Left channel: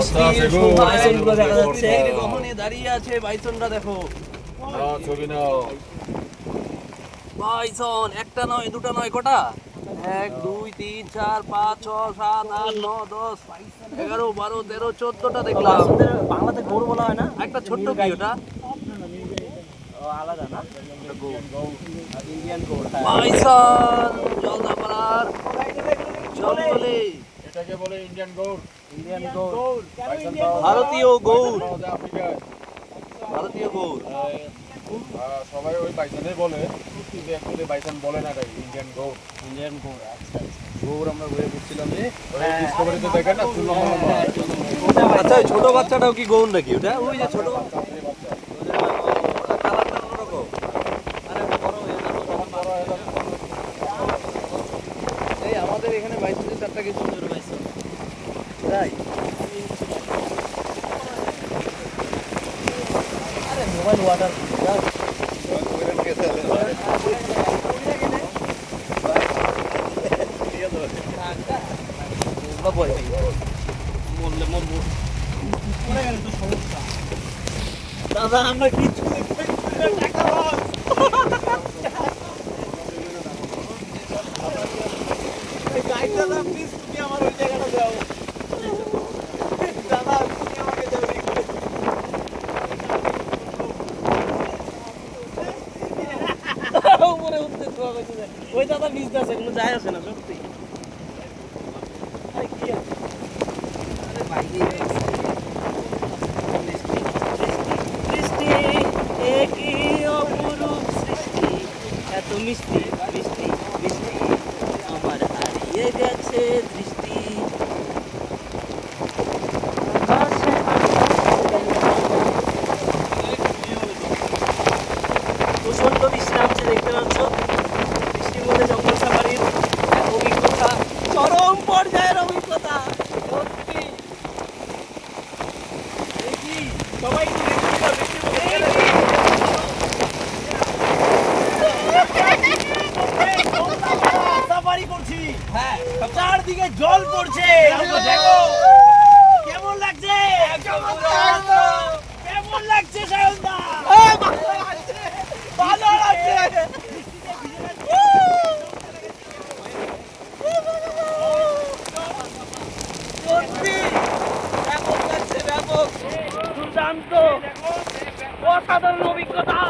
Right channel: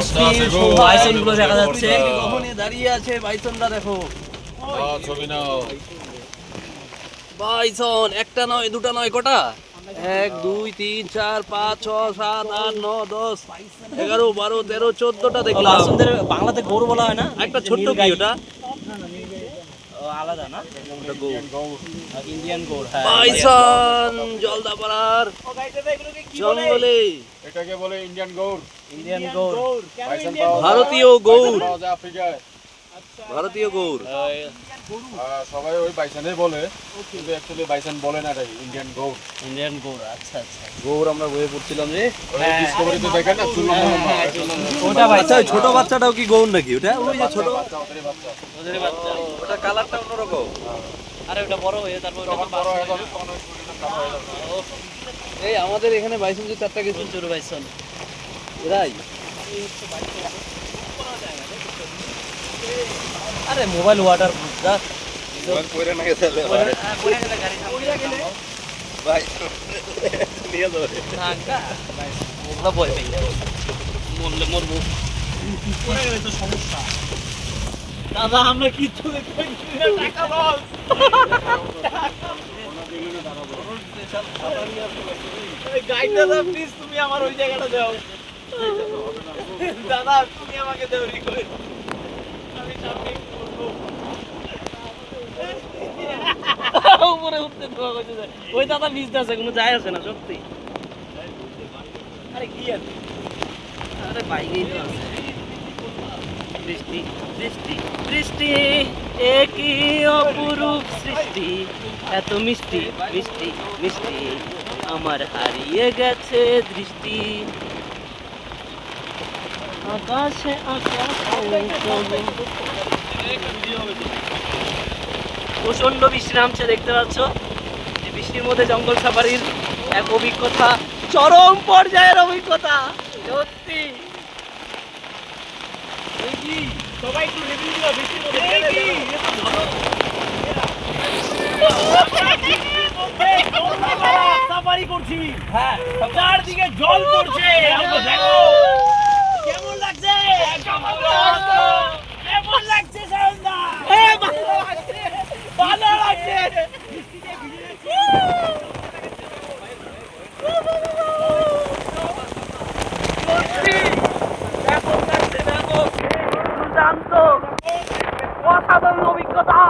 বৃষ্টি বাইসন গুলো দেখা যাচ্ছে ওখানে দাঁড়িয়ে আছে বাইসনরা দেখো ছবি নাও বাইসন একটা নয় দুটা নয় কটা 1 2 3 4 5 6 7 8 9 10 11 12 13 14টা দেখলাম বাইসনদের বাংলাতে গরু বলা হয় না একটা ছোট্ট কি ওটা আলাদা না ইন্ডিয়ান গৌড় বাইসন জলদাপাড়ার জঙ্গলে এটাকে বলে ইন্ডিয়ান গৌড় বাইসন ভারতীয় গৌড় আফ্রিকায় ভারতীয় গৌড় সবাই ওই বাইসনই বলে কিন্তু অ্যাকচুয়ালি বাইসন বলে না এটা ইন্ডিয়ান গৌড় আচ্ছা আচ্ছা গৌড় আমরা বয়ে পড়ছিলাম রে ডিসকভারিতে দেখেন না চুল লম্বা লম্বা আচ্ছা ছোট বাচ্চাটাও কি গৌড় নাকি ওটা ওই যে ছোট বাচ্চা ওদের বাচ্চা ওদের বাচ্চা ওটা কালারটা অন্যরকম আরে ওটা বড় হয়ে যাবে তখন বড় হয়ে যাবে এই আমাদের এখানে বাইসন যে চারটা গেছে ছোট বাইসন তাই আরে মোবাইল ওয়াটার দা কইরে না গেছে দাদা আমরা কিছু টাকা লস দাদা প্লিজ তুমি আমার ওই জায়গাটা যাও দাদা তুমি আমাকে দাও রিকোয়েস্ট উপরে উঠতে দোয়া করতে যায় ওই দাদা নিচে আছে কোনো যায় আছে না সত্যি আরে কি আছে আরে বাইরে বৃষ্টি বৃষ্টি বৃষ্টি একই অপরূপ সৃষ্টি এত মিষ্টি মিষ্টি মিষ্টি আমার হারিয়ে গেছে দৃষ্টি প্রচন্ড বৃষ্টি নামছে দেখতে পাচ্ছ বৃষ্টির মধ্যে জঙ্গল সাফারির এক অভিজ্ঞতা চরম পর্যায়ের অভিজ্ঞতা সত্যি সবাই কি বৃষ্টির মধ্যে সাফারি করছি হ্যাঁ চারদিকে জল পড়ছে দেখো কেমন লাগছে কেমন লাগছে সায়নদা ভালো লাগছে সত্যি ব্যাপক লাগছে ব্যাপক দুর্দান্ত অসাধারণ অভিজ্ঞতা